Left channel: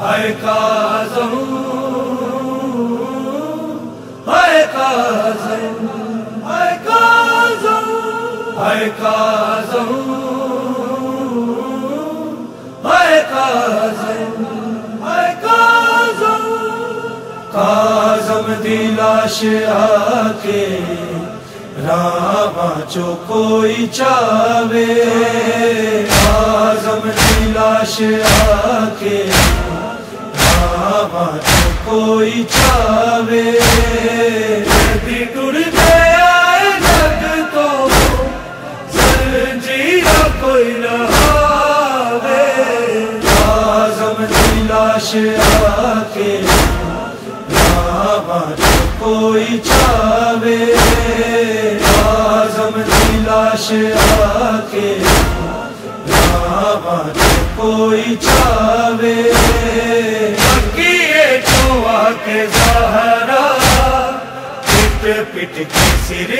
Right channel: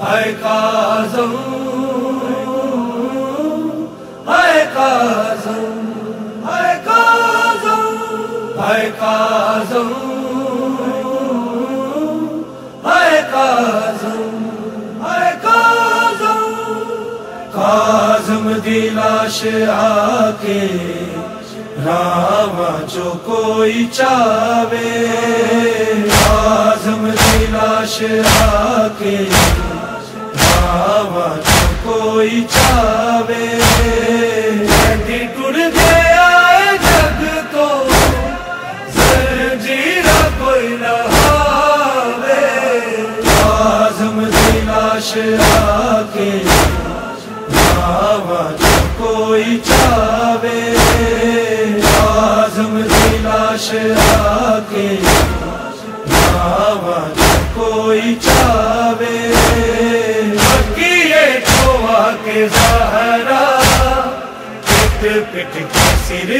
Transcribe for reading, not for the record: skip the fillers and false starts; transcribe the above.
ہے کاظم ہے کاظم ہے کاظم ہے کاظم ہے کاظم ہے کاظم کاظم دی لاش آ کے راواں چو کوئی چاوے کاظم دی لاش آ کے راواں چو کوئی چاوے ٹر گیا ہے جگ تو زنجیر کوئی نہ آوے کاظم دی لاش آ کے راواں چو کوئی چاوے کاظم دی لاش آ کے راواں چو کوئی چاوے کے زہرا پٹ پٹ کے سر